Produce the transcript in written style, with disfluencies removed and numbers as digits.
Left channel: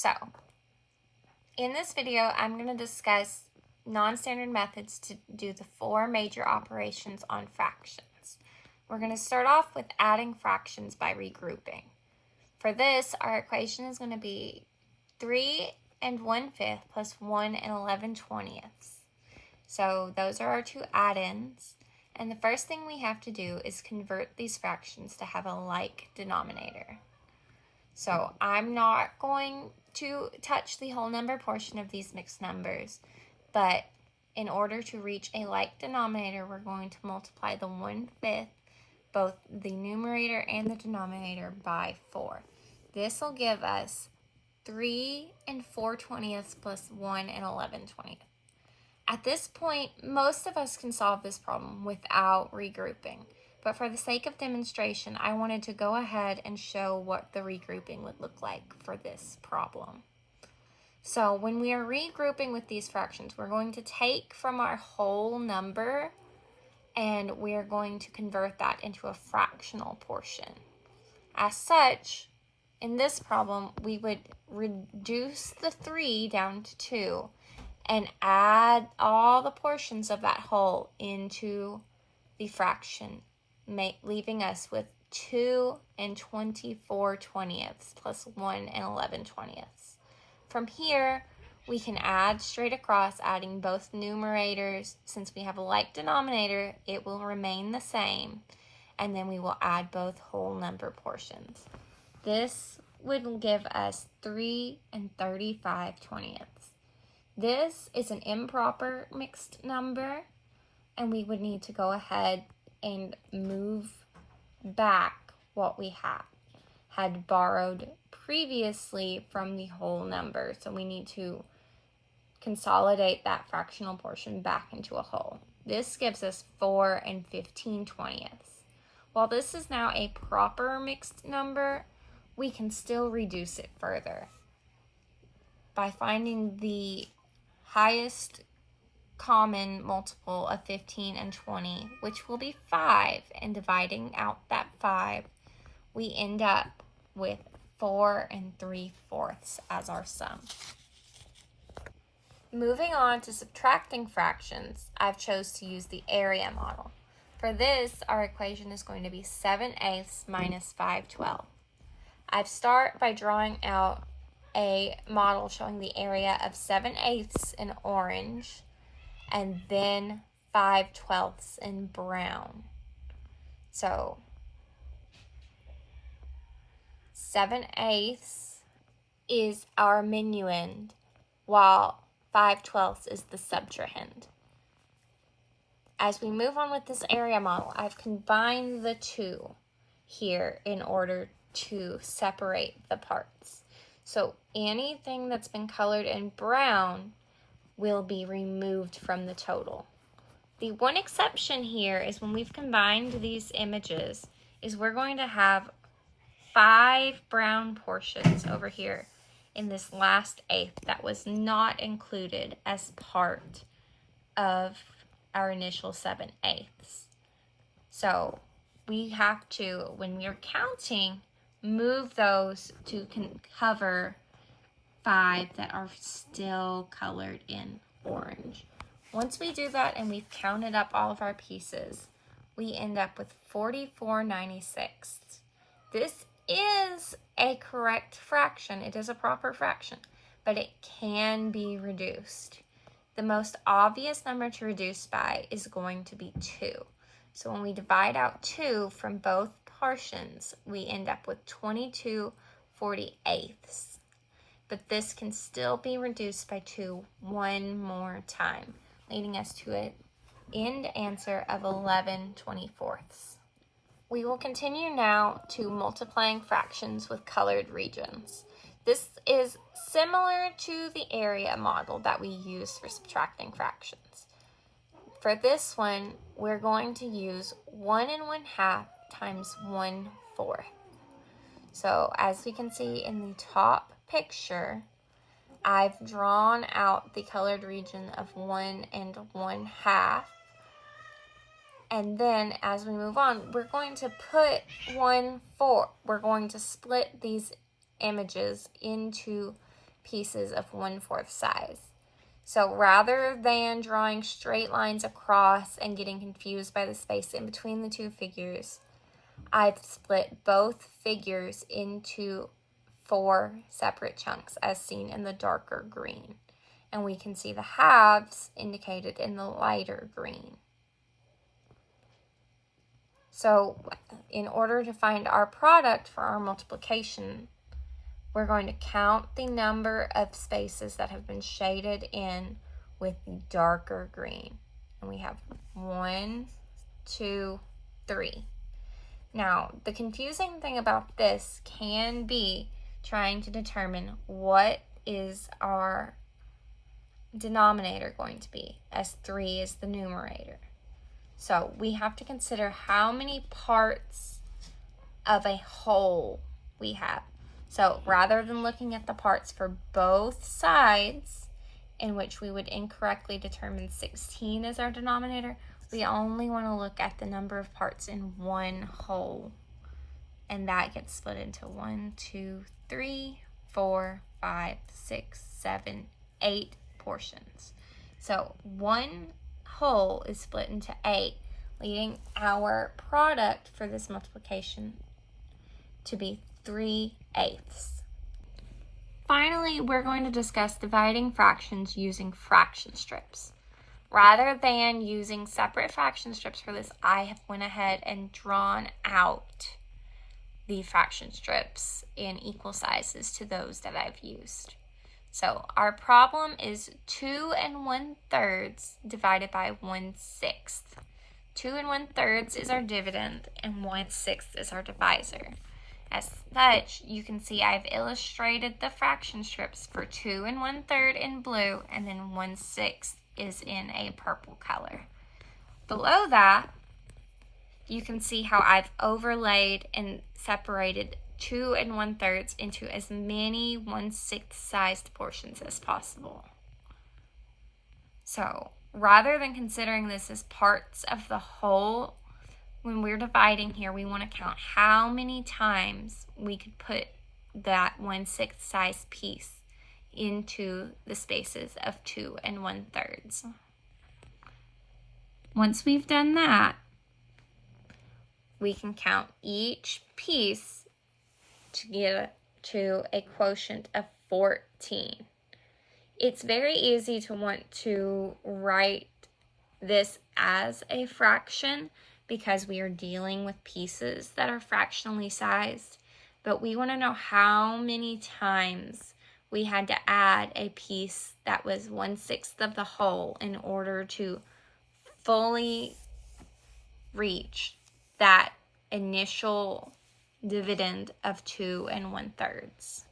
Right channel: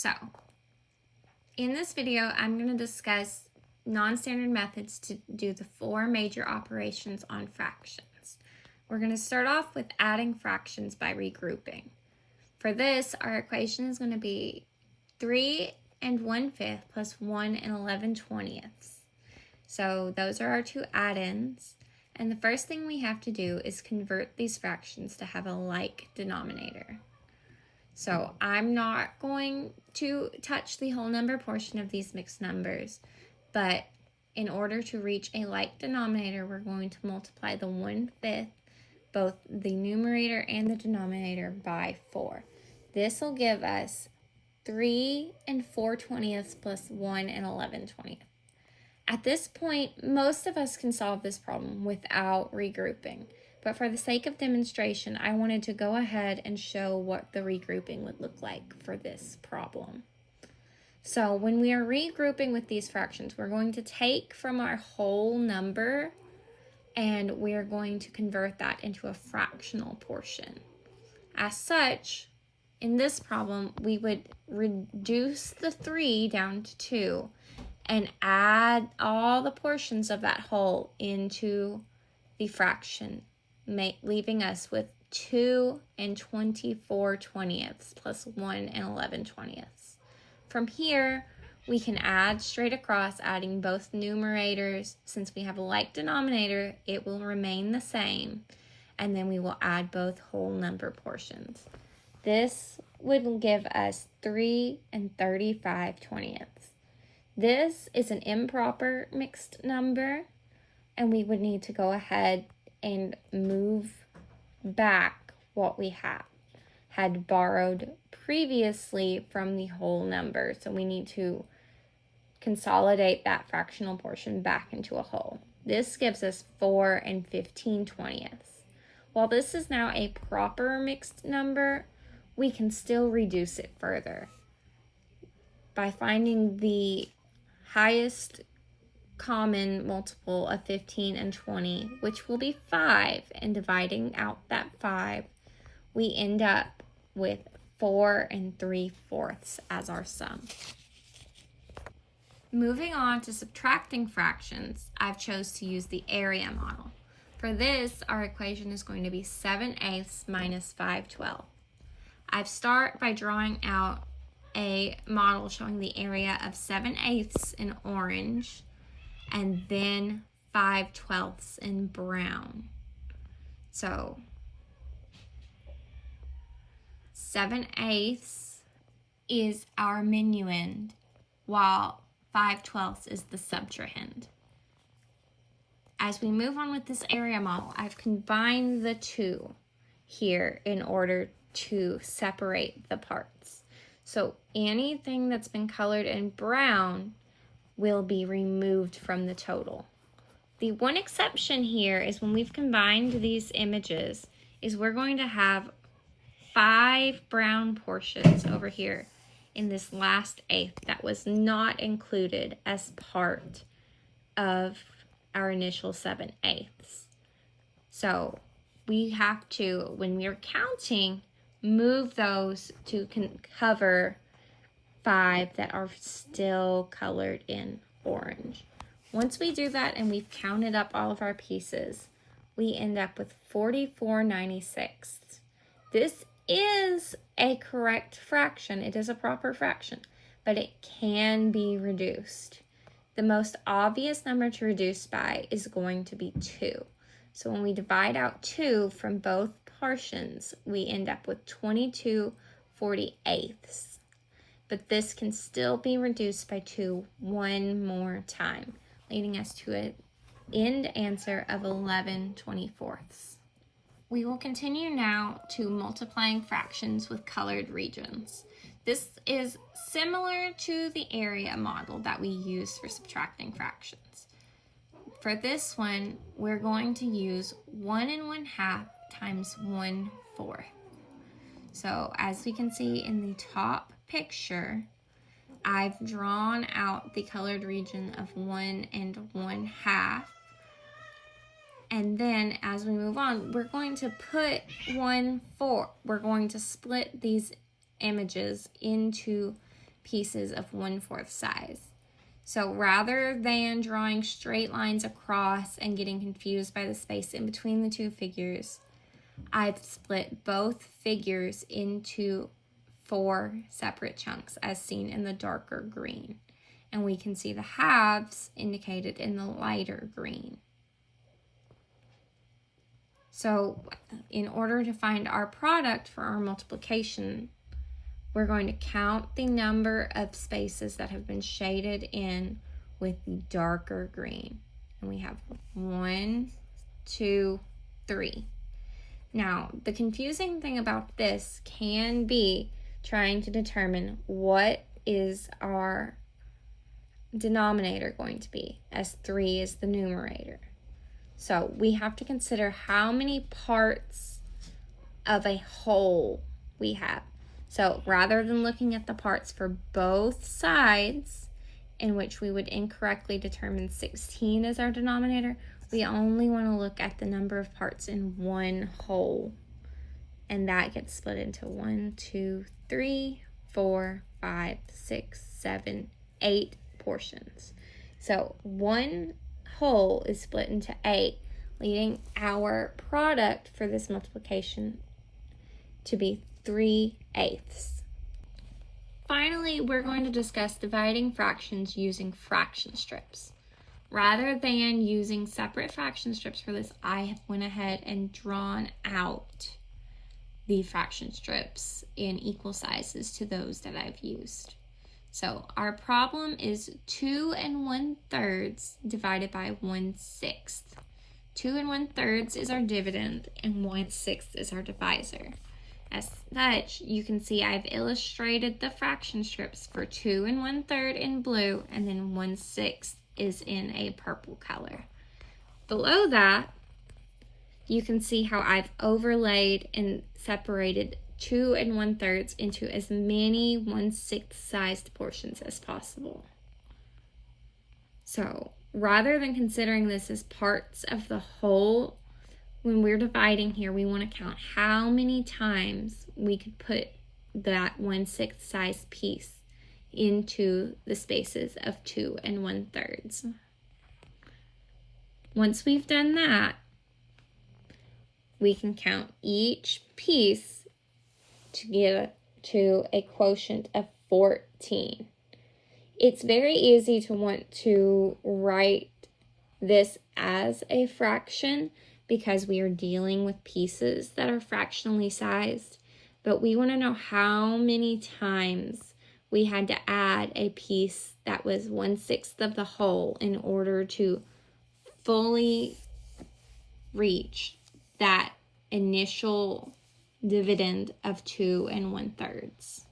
So, in this video, I'm going to discuss non-standard methods to do the 4 major operations on fractions. We're going to start off with adding fractions by regrouping. For this, our equation is going to be 3 1/5 plus 1 11/20. So those are our 2 add-ins. And the first thing we have to do is convert these fractions to have a like denominator. So I'm not going to touch the whole number portion of these mixed numbers, but in order to reach a like denominator, we're going to multiply the 1/5, both the numerator and the denominator, by 4. This will give us 3 4/20 plus 1 11/20. At this point, most of us can solve this problem without regrouping. But for the sake of demonstration, I wanted to go ahead and show what the regrouping would look like for this problem. So when we are regrouping with these fractions, we're going to take from our whole number and we are going to convert that into a fractional portion. As such, in this problem, we would reduce the 3 down to 2 and add all the portions of that whole into the fraction, leaving us with 2 24/20 plus 1 11/20. From here, we can add straight across, adding both numerators. Since we have a like denominator, it will remain the same, and then we will add both whole number portions. This would give us 3 35/20. This is an improper mixed number, and we would need to go ahead and move back what we had borrowed previously from the whole number. So we need to consolidate that fractional portion back into a whole. This gives us 4 15/20. While this is now a proper mixed number, we can still reduce it further by finding the highest common multiple of 15 and 20, which will be 5, and dividing out that 5, we end up with 4 3/4 as our sum. Moving on to subtracting fractions, I've chose to use the area model. For this, our equation is going to be 7/8 minus 5/12. I start by drawing out a model showing the area of 7/8 in orange and then 5/12 in brown. So 7/8 is our minuend, while 5/12 is the subtrahend. As we move on with this area model, I've combined the two here in order to separate the parts. So anything that's been colored in brown will be removed from the total. The one exception here is when we've combined these images is we're going to have 5 brown portions over here in this last eighth that was not included as part of our initial 7/8. So we have to, when we're counting, move those to cover 5 that are still colored in orange. Once we do that and we've counted up all of our pieces, we end up with 44/96. This is a correct fraction. It is a proper fraction, but it can be reduced. The most obvious number to reduce by is going to be 2. So when we divide out 2 from both portions, we end up with 22/48. But this can still be reduced by 2 one more time, leading us to an end answer of 11/24. We will continue now to multiplying fractions with colored regions. This is similar to the area model that we use for subtracting fractions. For this one, we're going to use 1 1/2 times 1/4. So as we can see in the top picture, I've drawn out the colored region of 1 1/2. And then as we move on, we're going to put 1/4. We're going to split these images into pieces of 1/4 size. So rather than drawing straight lines across and getting confused by the space in between the two figures, I've split both figures into 4 separate chunks as seen in the darker green. And we can see the halves indicated in the lighter green. So in order to find our product for our multiplication, we're going to count the number of spaces that have been shaded in with the darker green. And we have 1, 2, 3. Now, the confusing thing about this can be trying to determine what is our denominator going to be, as 3 is the numerator. So we have to consider how many parts of a whole we have. So rather than looking at the parts for both sides, in which we would incorrectly determine 16 as our denominator, we only want to look at the number of parts in one whole. And that gets split into 1, 2, 3, 4, 5, 6, 7, 8 portions. So one whole is split into 8, leading our product for this multiplication to be 3/8. Finally, we're going to discuss dividing fractions using fraction strips. Rather than using separate fraction strips for this, I have went ahead and drawn out the fraction strips in equal sizes to those that I've used. So our problem is 2 1/3 divided by 1/6. 2 1/3 is our dividend and 1/6 is our divisor. As such, you can see I've illustrated the fraction strips for 2 1/3 in blue, and then 1/6 is in a purple color. Below that, you can see how I've overlaid and separated 2 1/3 into as many 1/6 sized portions as possible. So rather than considering this as parts of the whole, when we're dividing here, we want to count how many times we could put that 1/6 size piece into the spaces of 2 1/3. Once we've done that, we can count each piece to get to a quotient of 14. It's very easy to want to write this as a fraction because we are dealing with pieces that are fractionally sized, but we want to know how many times we had to add a piece that was 1/6 of the whole in order to fully reach that initial dividend of 2 1/3.